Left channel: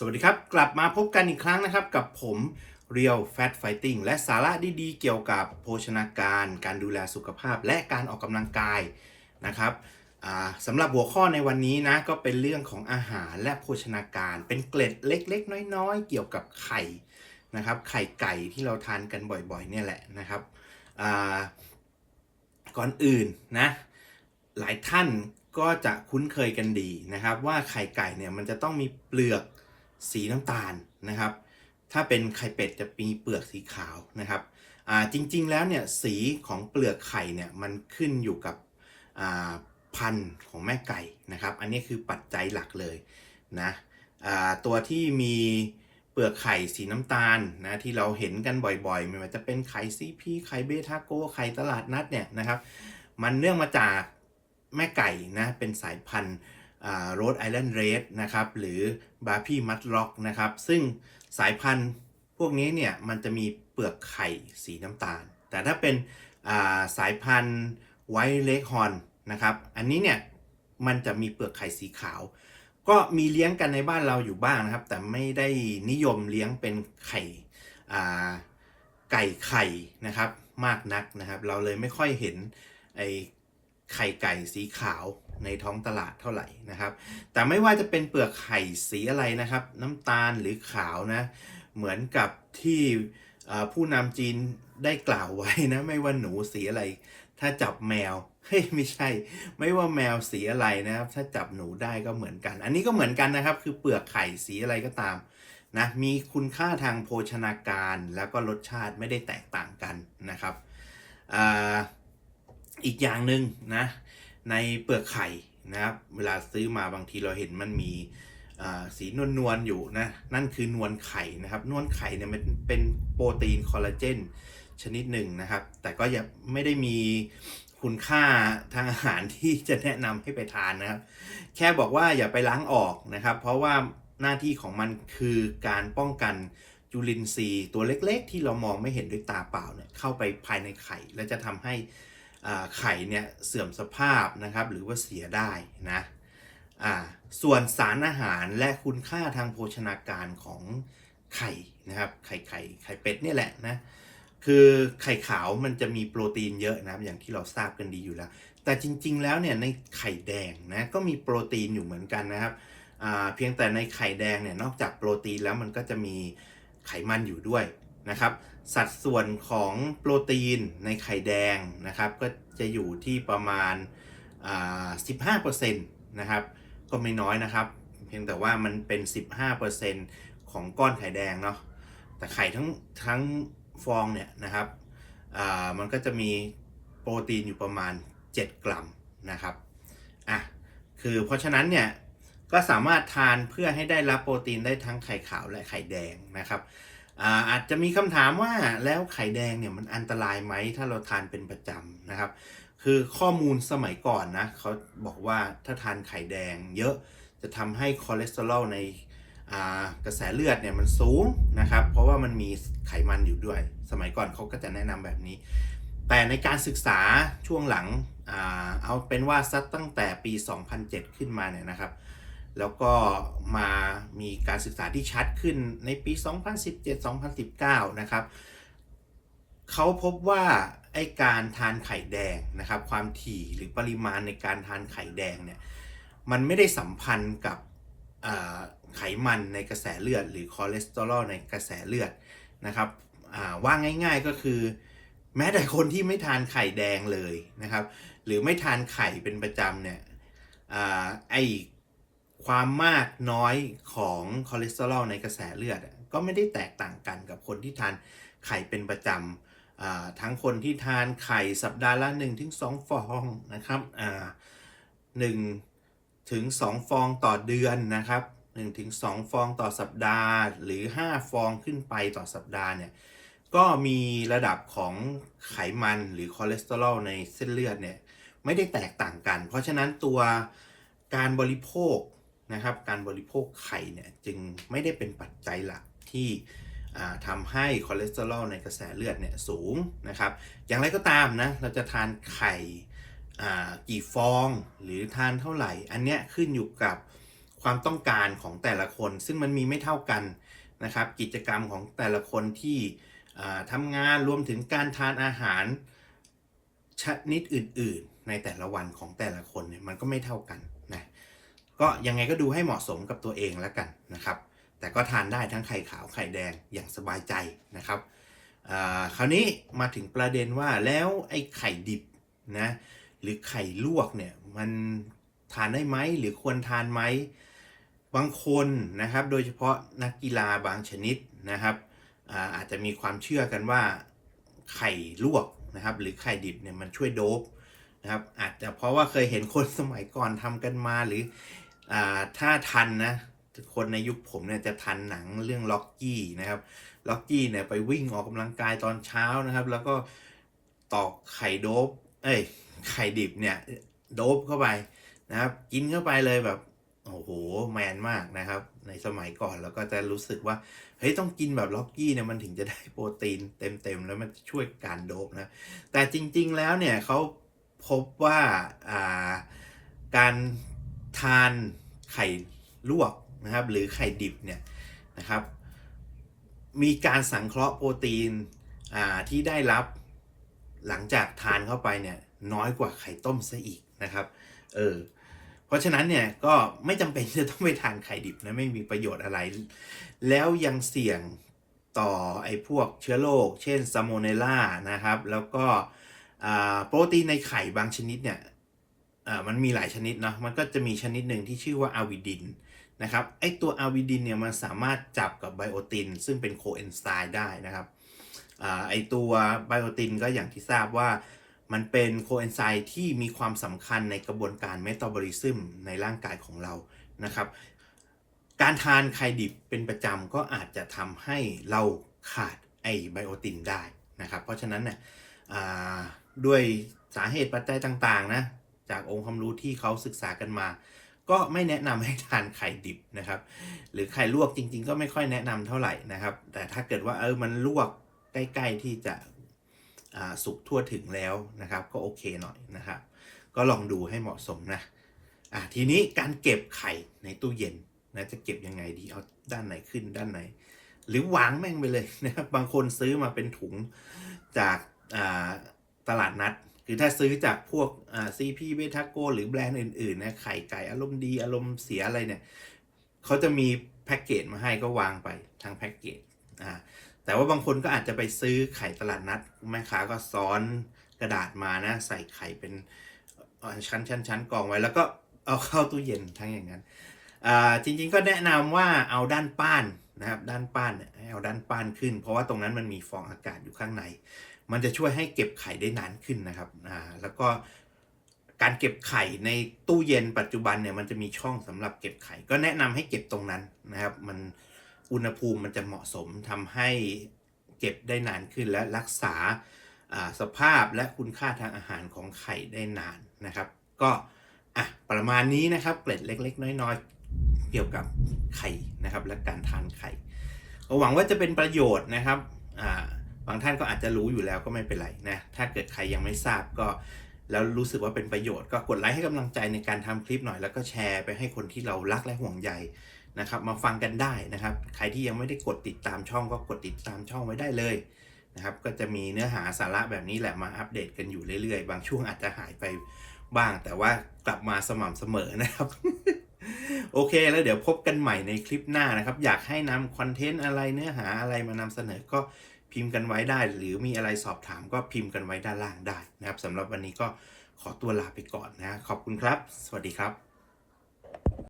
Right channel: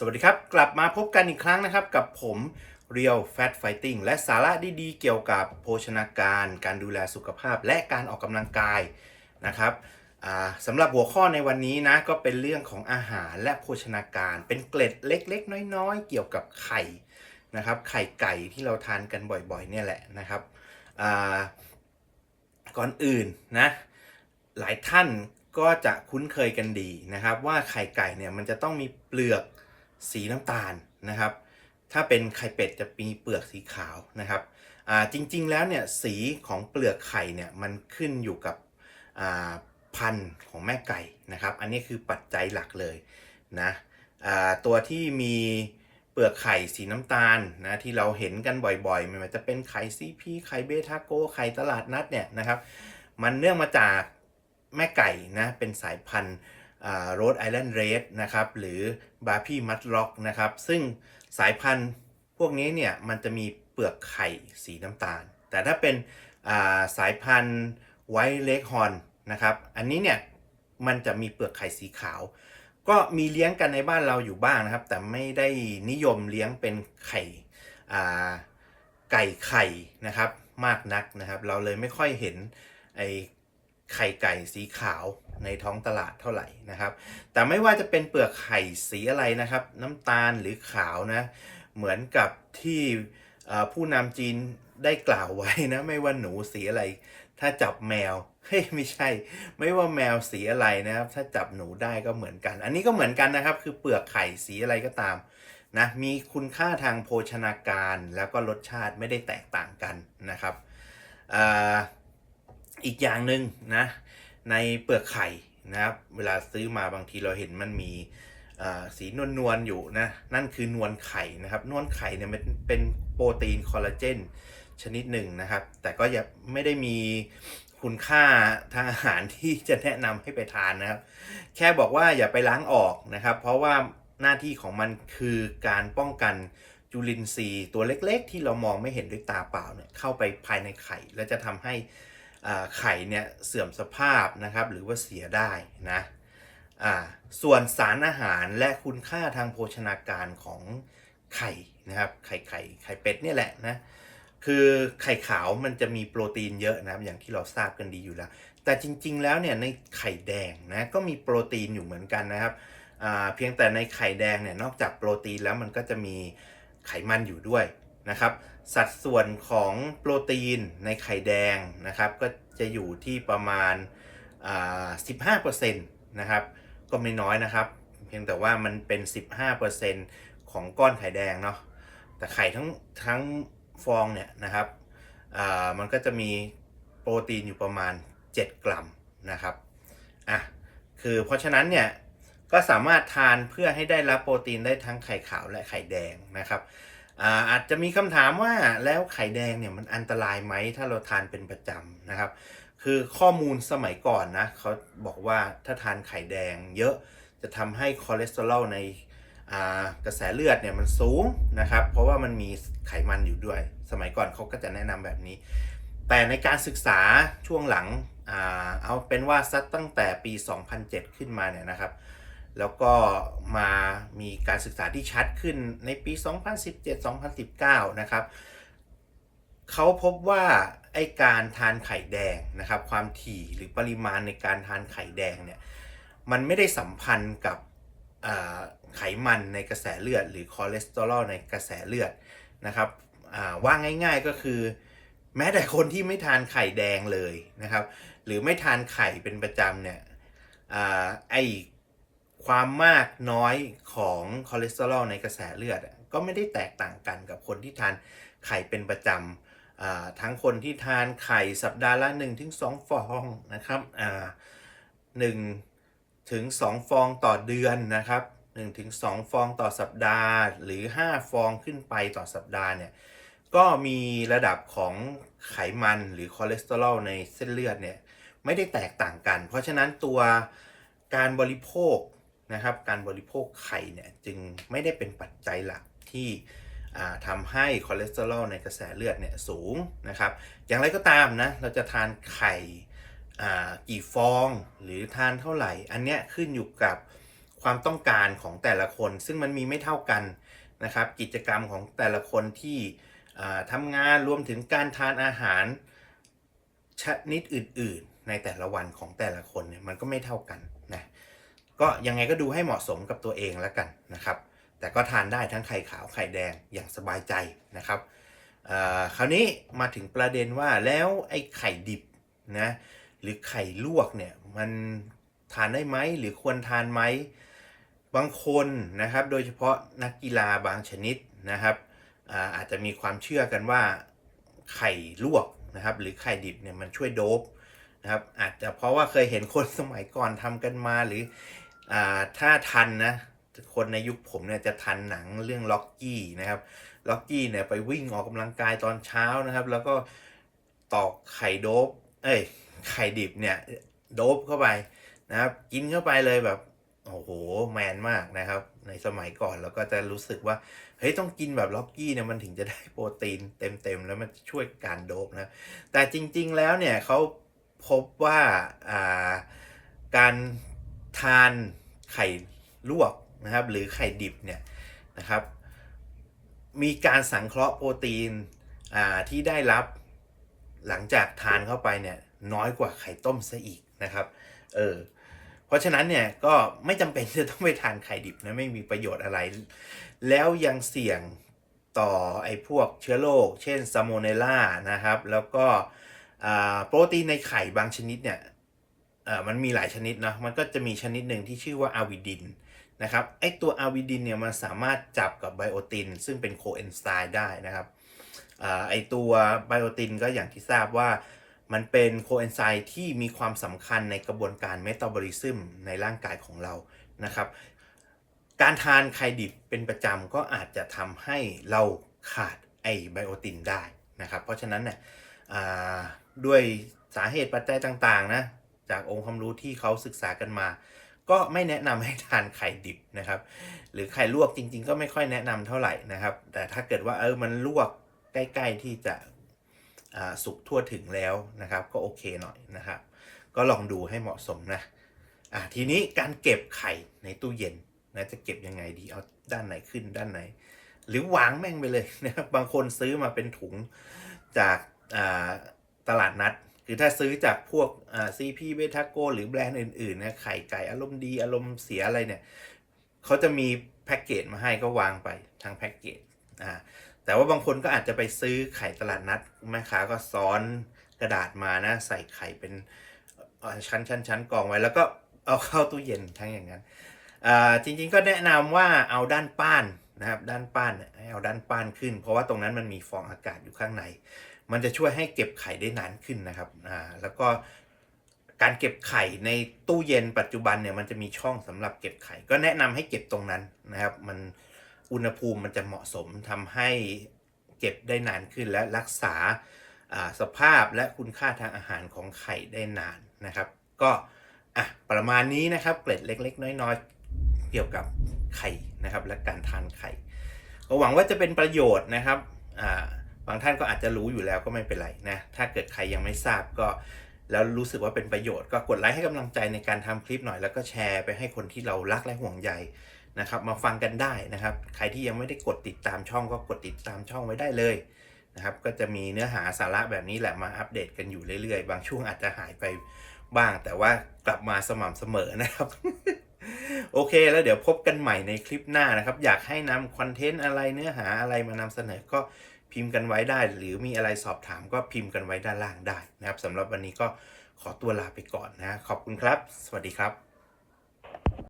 สวัสดีครับ กลับมาพบกันอีกครั้งนะครับ กับผม Real Fat Fighting และสาระดีๆ เกี่ยวกับโภชนาการ การดูแลสุขภาพ และการออกกำลังกายนะครับสำหรับหัวข้อในวันนี้นะ ก็เป็นเรื่องของอาหารและโภชนาการ เป็นเกล็ดเล็กๆ น้อยๆ เกี่ยวกับไข่นะครับ ไข่ไก่ที่เราทานกันบ่อยๆ เนี่ยแหละนะครับก่อนอื่นนะ หลายท่านก็จะคุ้นเคยกันดีนะครับ ว่าไข่ไก่เนี่ยมันจะต้องมีเปลือก สีน้ำตาลนะครับ ถ้าเป็นไข่เป็ดจะมีเปลือกสีขาวนะครับจริงๆแล้วเนี่ยสีของเปลือกไข่เนี่ยมันขึ้นอยู่กับพันธุ์ของแม่ไก่นะครับ อันนี้คือปัจจัยหลักเลยนะตัวที่มีเปลือกไข่สีน้ำตาลนะที่เราเห็นกันบ่อยๆ ไม่ว่าจะเป็นไข่ซีพีไข่เบทาโกไข่ตลาดนัดเนี่ยนะครับ มันเนื่องมาจากแม่ไก่นะเป็นสายพันธุ์ โรดไอแลนด์เรดนะครับหรือบาร์พี่มัดล็อกนะครับซึ่งสายพันธุ์พวกนี้เนี่ยมันจะมีเปลือกไข่สีน้ำตาล แต่ถ้าเป็นาสายพันธุ์ไวท์เลกฮอนนะครับอันนี้เนี่ยมันจะมีเปลือกไข่สีขาว ก็มีเลี้ยงกันในบ้านเราอยู่บ้างนะครับ แต่ไม่ได้นิยมเลี้ยงเป็นไข่ไก่ไข่นะครับมากนักนะครับ เราเลยไม่ค่อยเห็นไอ ไข่ไก่สีขาวในท้องตลาดเท่าไหร่นะครับ แต่ไม่ว่าจะเป็นเปลือกไข่สีอะไรนะครับ น้ำตาลหรือขาวนะเหมือนกับที่ผู้นำจีนได้กล่าวไว้นะไม่ว่าหนูสีอะไร ถ้าจับแมวเฮ้ยไม่ใช่ ไม่ว่าแมวสีอะไรนะครับ ถ้าจับหนูได้ก็เหมือนกัน อันนี้ก็เหมือนกันนะครับ คือเปลือกไข่สีอะไรก็ตามนะมีคุณค่าทางโภชนาการแล้วก็รสชาติไม่ได้แตกต่างกันนะครับอ่า อีกอย่างหนึ่งนะในเปลือกไข่นะครับเวลาซื้อมาบางทีเราเห็นมันมีสีนวลนวลๆอยู่นะนั่นคือนวลไข่นะครับ นวลไข่เนี่ยมันเป็นโปรตีนคอลลาเจนชนิดหนึ่งนะครับ แต่ก็ยังไม่ได้มีคุณค่าทางอาหารที่จะแนะนำให้ไปทานนะครับ แค่บอกว่าอย่าไปล้างออกนะครับ เพราะว่าหน้าที่ของมันคือการป้องกันจุลินทรีย์ตัวเล็กๆ ที่เรามองไม่เห็นด้วยตาเปล่าเนี่ยเข้าไปภายในไข่ และจะทำให้ ไข่เนี่ยเสื่อมสภาพนะครับหรือว่าเสียได้นะส่วนสารอาหารและคุณค่าทางโภชนาการของไข่นะครับไข่ไข่ไข่เป็ดนี่แหละนะคือไข่ขาวมันจะมีโปรตีนเยอะนะครับอย่างที่เราทราบกันดีอยู่แล้ว แต่จริง ๆ แล้วเนี่ยในไข่แดงนะก็มีโปรตีนอยู่เหมือนกันนะครับเพียงแต่ในไข่แดงเนี่ยนอกจากโปรตีนแล้วมันก็จะมีไขมันอยู่ด้วยนะครับ สัดส่วนของโปรตีนในไข่แดงนะครับ ก็จะอยู่ที่ประมาณอ่า15%นะครับ ก็ไม่น้อยนะครับ เพียงแต่ว่ามันเป็น 15%ของก้อนไข่แดงเนาะ แต่ไข่ทั้งทั้งฟองเนี่ยนะครับ มันก็จะมีโปรตีนอยู่ประมาณ 7 กรัมนะครับ อะ คือเพราะฉะนั้นเนี่ย ก็สามารถทานเพื่อให้ได้รับโปรตีนได้ทั้งไข่ขาวและไข่แดงนะครับ อาอาจจะมีคำถามว่าแล้วไข่แดงเนี่ยมันอันตรายไหมถ้าเราทานเป็นประจำนะครับ คือข้อมูลสมัยก่อนนะเขาบอกว่าถ้าทานไข่แดงเยอะจะทำให้คอเลสเตอรอลในกระแสเลือดเนี่ยมันสูงนะครับ เพราะว่ามันมีไขมันอยู่ด้วย สมัยก่อนเขาก็จะแนะนำแบบนี้ แต่ในการศึกษาช่วงหลังอเอาเป็นว่าสักตั้งแต่ปี 2007 ขึ้นมาเนี่ยนะครับ แล้วก็มามีการศึกษาที่ชัดขึ้นในปี 2017-2019 นะครับเขาพบว่าไอการทานไข่แดงนะครับความถี่หรือปริมาณในการทานไข่แดงเนี่ยมันไม่ได้สัมพันธ์กับไขมันในกระแสเลือด หรือคอเลสเตอรอลในกระแสเลือดนะครับว่าง่ายๆก็คือ แม้แต่คนที่ไม่ทานไข่แดงเลยนะครับ หรือไม่ทานไข่เป็นประจำเนี่ยอไอ ความมากน้อยของคอเลสเตอรอลในกระแสเลือดก็ไม่ได้แตกต่างกันกับคนที่ทานไข่เป็นประจำทั้งคนที่ทานไข่สัปดาห์ละ1-2ฟองนะครับหนึ่งถึง2ฟองต่อเดือนนะครับ1ถึง2ฟองต่อสัปดาห์ หรือ 5 ฟองขึ้นไปต่อสัปดาห์เนี่ยก็มีระดับของไขมันหรือคอเลสเตอรอลในเส้นเลือดเนี่ยไม่ได้แตกต่างกัน เพราะฉะนั้นตัวการบริโภค นะครับ การบริโภคไข่เนี่ยจึงไม่ได้เป็นปัจจัยหลักที่ทำให้คอเลสเตอรอลในกระแสเลือดเนี่ยสูงนะครับ อย่างไรก็ตามนะเราจะทานไข่กี่ฟองหรือทานเท่าไหร่ อันเนี้ยขึ้นอยู่กับความต้องการของแต่ละคน ซึ่งมันมีไม่เท่ากันนะครับ กิจกรรมของแต่ละคนที่ทำงานรวมถึงการทานอาหารชนิดอื่น ๆ ในแต่ละวันของแต่ละคนเนี่ยมันก็ไม่เท่ากัน ก็ยังไงก็ดูให้เหมาะสมกับตัวเองแล้วกันนะครับ แต่ก็ทานได้ทั้งไข่ขาวไข่แดงอย่างสบายใจนะครับคราวนี้มาถึงประเด็นว่าแล้วไอ้ไข่ดิบนะหรือไข่ลวกเนี่ยมันทานได้ไหมหรือควรทานไหมบางคนนะครับ โดยเฉพาะนักกีฬาบางชนิดนะครับอาอาจจะมีความเชื่อกันว่าไข่ลวกนะครับ หรือไข่ดิบเนี่ยมันช่วยโดบนะครับ อาจจะเพราะว่าเคยเห็นคนสมัยก่อนทำกันมาหรือ อาถ้าทันนะคนในยุคผมเนี่ยจะทันหนังเรื่องล็อกกี้นะครับล็อกกี้เนี่ยไปวิ่งออกกำลังกายตอนเช้านะครับ แล้วก็ตอกไข่โดบเอ้ยไข่ดิบเนี่ยโดบเข้าไปนะครับ กินเข้าไปเลยแบบโอ้โหแมนมากนะครับ ในสมัยก่อนเราก็จะรู้สึกว่าเฮ้ยต้องกินแบบล็อกกี้เนี่ยมันถึงจะได้โปรตีนเต็มๆ แล้วมันช่วยการโดบนะแต่จริงๆแล้วเนี่ยเขาพบว่าอ่าการ ทานไข่ลวกนะครับ หรือไข่ดิบเนี่ยนะครับ มีการสังเคราะห์โปรตีนที่ได้รับหลังจากทานเข้าไปเนี่ยน้อยกว่าไข่ต้มซะอีกนะครับ เออ เพราะฉะนั้นเนี่ยก็ไม่จำเป็นจะต้องไปทานไข่ดิบนะไม่มีประโยชน์อะไร แล้วยังเสี่ยงต่อไอ้พวกเชื้อโรคเช่นซาโมเนลล่านะครับ แล้วก็โปรตีนในไข่บางชนิดเนี่ย มันมีหลายชนิดนะมันก็จะมีชนิดหนึ่งที่ชื่อว่าอาวิดินนะครับไอตัวอาวิดินเนี่ยมันสามารถจับกับไบโอตินซึ่งเป็นโคเอนไซม์ได้นะครับอไอตัวไบโอตินก็อย่างที่ทราบว่ามันเป็นโคเอนไซม์ที่มีความสำคัญในกระบวนการเมตาบอลิซึมในร่างกายของเรานะครับการทานไข่ดิบเป็นประจำก็อาจจะทำให้เราขาดไอไบโอตินได้นะครับเพราะฉะนั้นเนี่ยด้วยสาเหตุปัจจัยต่างๆนะ จากองค์ความรู้ที่เขาศึกษากันมา ก็ไม่แนะนำให้ทานไข่ดิบนะครับ หรือไข่ลวกจริง ๆ ก็ไม่ค่อยแนะนำเท่าไหร่นะครับ แต่ถ้าเกิดว่าเออมันลวกใกล้ ๆที่จะสุกทั่วถึงแล้วนะครับ ก็โอเคหน่อยนะครับ ก็ลองดูให้เหมาะสมนะอะทีนี้การเก็บไข่ในตู้เย็นนะจะเก็บยังไงดีเอาด้านไหนขึ้นด้านไหน หรือวางแม่งไปเลยนะครับบางคนซื้อมาเป็นถุงจากตลาดนัด คือถ้าซื้อจากพวกอ่าซีพีเบทาโกหรือแบรนด์อื่นๆนะไข่ไก่อารมณ์ดีอารมณ์เสียอะไรเนี่ยเขาจะมีแพ็กเกจมาให้ก็วางไปทางแพ็กเกจอ่าแต่ว่าบางคนก็อาจจะไปซื้อไข่ตลาดนัดแม่ค้าก็ซ้อนกระดาษมานะใส่ไข่เป็นชั้นชั้นชั้นกองไว้แล้วก็เอาเข้าตู้เย็นทั้งอย่างนั้นอ่าจริงๆก็แนะนำว่าเอาด้านป้านนะครับด้านป้านเนี่ยให้เอาด้านป้านขึ้น เพราะว่าตรงนั้นมันมีฟองอากาศอยู่ข้างใน มันจะช่วยให้เก็บไข่ได้นานขึ้นนะครับอ่าแล้วก็การเก็บไข่ในตู้เย็นปัจจุบันเนี่ยมันจะมีช่องสำหรับเก็บไข่ ก็แนะนำให้เก็บตรงนั้นนะครับ มันอุณหภูมิมันจะเหมาะสมทำให้เก็บได้นานขึ้นและรักษาสภาพและคุณค่าทางอาหารของไข่ได้นานนะครับ ก็อะประมาณนี้นะครับเกร็ดเล็ก ๆ น้อยๆเกี่ยวกับไข่นะครับ และการทานไข่ก็หวังว่าจะเป็นประโยชน์นะครับอ่า บางท่านก็อาจจะรู้อยู่แล้วก็ไม่เป็นไรนะ ถ้าเกิดใครยังไม่ทราบก็ แล้วรู้สึกว่าเป็นประโยชน์ก็กดไลค์ให้กำลังใจในการทำคลิปหน่อยแล้วก็แชร์ไปให้คนที่เรารักและห่วงใยนะครับมาฟังกันได้นะครับ ใครที่ยังไม่ได้กดติดตามช่องก็กดติดตามช่องไว้ได้เลยนะครับ ก็จะมีเนื้อหาสาระแบบนี้แหละมาอัปเดตกันอยู่เรื่อยๆ บางช่วงอาจจะหายไปบ้าง แต่ว่ากลับมาสม่ำเสมอนะครับ โอเคแล้วเดี๋ยวพบกันใหม่ในคลิปหน้านะครับ อยากให้นำคอนเทนต์อะไรเนื้อหาอะไรมานำเสนอก็ พิมพ์กันไว้ได้ หรือมีอะไรสอบถามก็พิมพ์กันไว้ด้านล่างได้นะครับสำหรับวันนี้ก็ขอตัวลาไปก่อนนะ ขอบคุณครับ สวัสดีครับ